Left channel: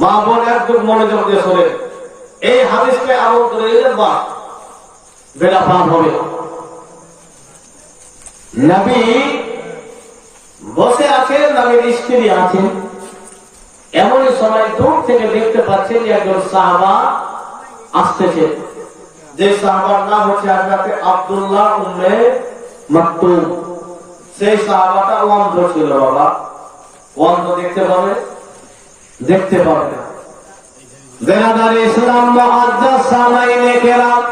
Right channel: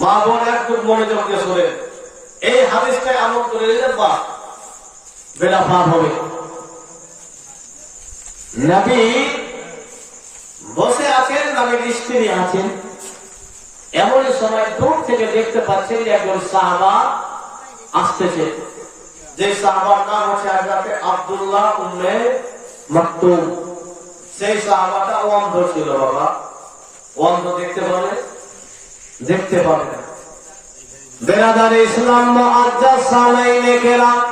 মা বোন একটু মনোযোগ দিয়ে শোনে, এই হাদিসটাই আমল করে দিলেন বা বেলা পার হবে। নবী বসে আছেন, নবীর স্ত্রী আছেন, এমন সময় দূর থেকে দেখতে পাচ্ছেন যে একজন সাহাবা আসতেছে। যে সাহাবার নাম হচ্ছে হযরত আব্দুল্লাহ উম্মে মাকতুম। সেই সাহাবাটা অন্ধ ছিল। বাবা অন্ধ দেখতে পাবে? দেখতে পাবে না। বেরাদার ইসলাম মুআজ্জাজ সালাইনে কেরাম,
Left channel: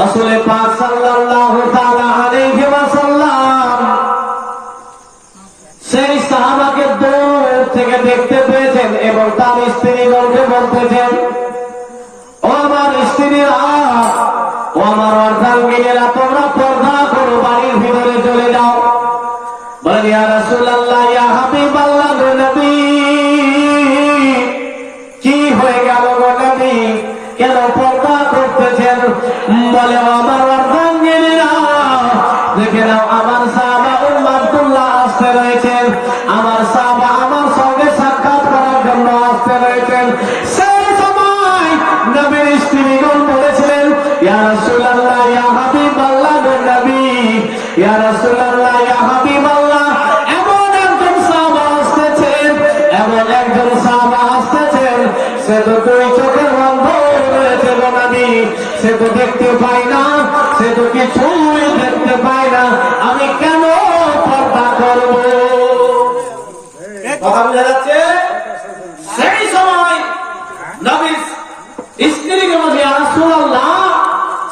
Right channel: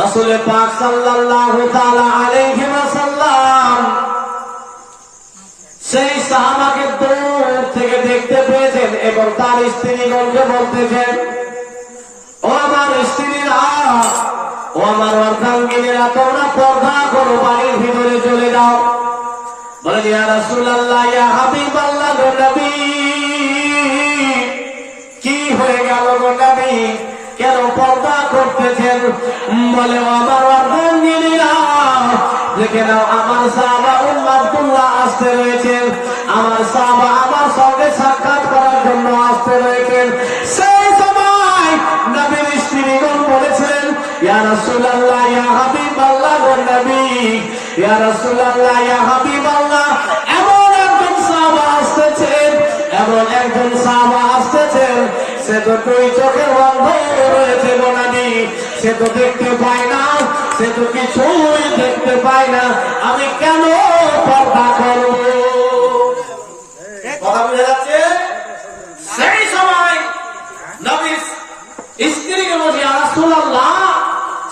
রাসূল পাক সাল্লাল্লাহু তাআলা আলাইহি ওয়াসাল্লাম সেই সাহাবাকে দূর থেকে দেখতে পেয়েছেন এবং তার স্ত্রীগণকে বলতেছেন, ও আমার স্ত্রীরা, ও আমার অর্ধাঙ্গিনীরা, তোমরা পর্দা করো, বাড়ির ভিতরে চলে যাও। বলেন, ইয়া রাসূলুল্লাহ, ইয়া হাবিবাল্লাহ, গো নবী, কি হয়ে গেল গো নবী, কেন পর্দা করতেছেন? বলে, আমার অর্ধাঙ্গিনীরা, দেখে নাও, আমার সাহাবা আব্দুল্লাহ আসতে রয়েছেন, আমার সাহাবা আমার সঙ্গে সাক্ষাৎ করার জন্য আসতে রয়েছেন। সেই সময় নবীর স্ত্রীগণ বলেছিলেন, ইয়া রাসূলুল্লাহ, ইয়া হাবিবাল্লাহ, গো নবী, ইয়া রাসূলুল্লাহ, ইয়া হাবিবাল্লাহ, এমন একজন সাহাবা আসতেছেন, এমন একজন সাহাবা আসতেছেন, সে তো দুই চোখে অন্ধ রয়েছে গো নবী, সে তো দেখতে পায় না, সে তো কিছুই দেখতে পায় না, আমি কেন পর্দা করব? কথা বুঝা যাচ্ছে? সেই সময় নবীর স্ত্রীকে বলছে, ইয়া রাসূলুল্লাহ,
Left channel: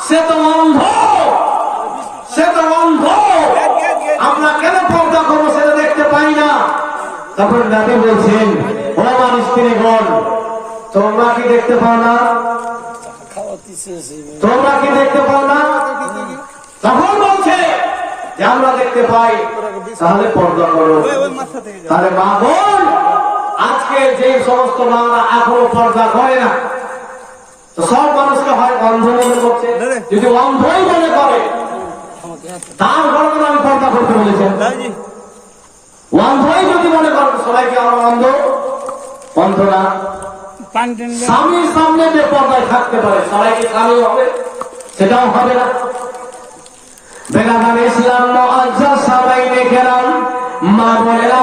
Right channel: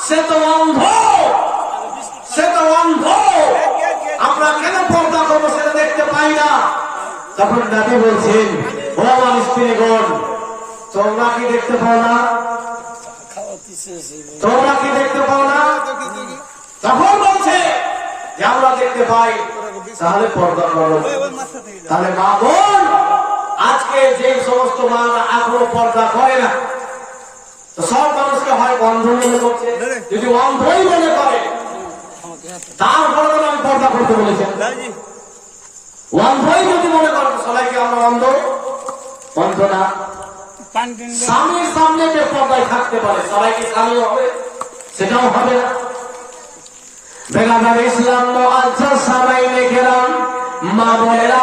সে তো অন্ধ, সে তো অন্ধ, আমরা কেন পর্দা করবো, সেটা দেখতে পাই না। তখন নবী বলছেন, ও আমার স্ত্রীগণ, তোমরা কি দেখতে পাও না? তোমরা কি দেখতে পাও না? তখন বলছে যে আমরা দেখতে পাই। তাহলে পর্দা করো। তাহলে মা বোন, আজকে যে সমস্ত মারা এখনো পর্দা করে না, তো সব মানুষকে হয় অন্ধ মনে করছে। যদি অন্ধই মনে করে, তারপরে আমি পর্দা করতে বলেছেন। অন্ধই যদি মনে করেন সবাইকে আমরা অন্ধ, অন্ধ না। স্বামীর সামনে যে পর্দায় থাকতে পারে, সবাইকে স্বামী হবে, সেটাও হবে না। বেরাদার ইসলাম মুআজ্জাজ সালাইনে কেরাম, মা বোনেরা,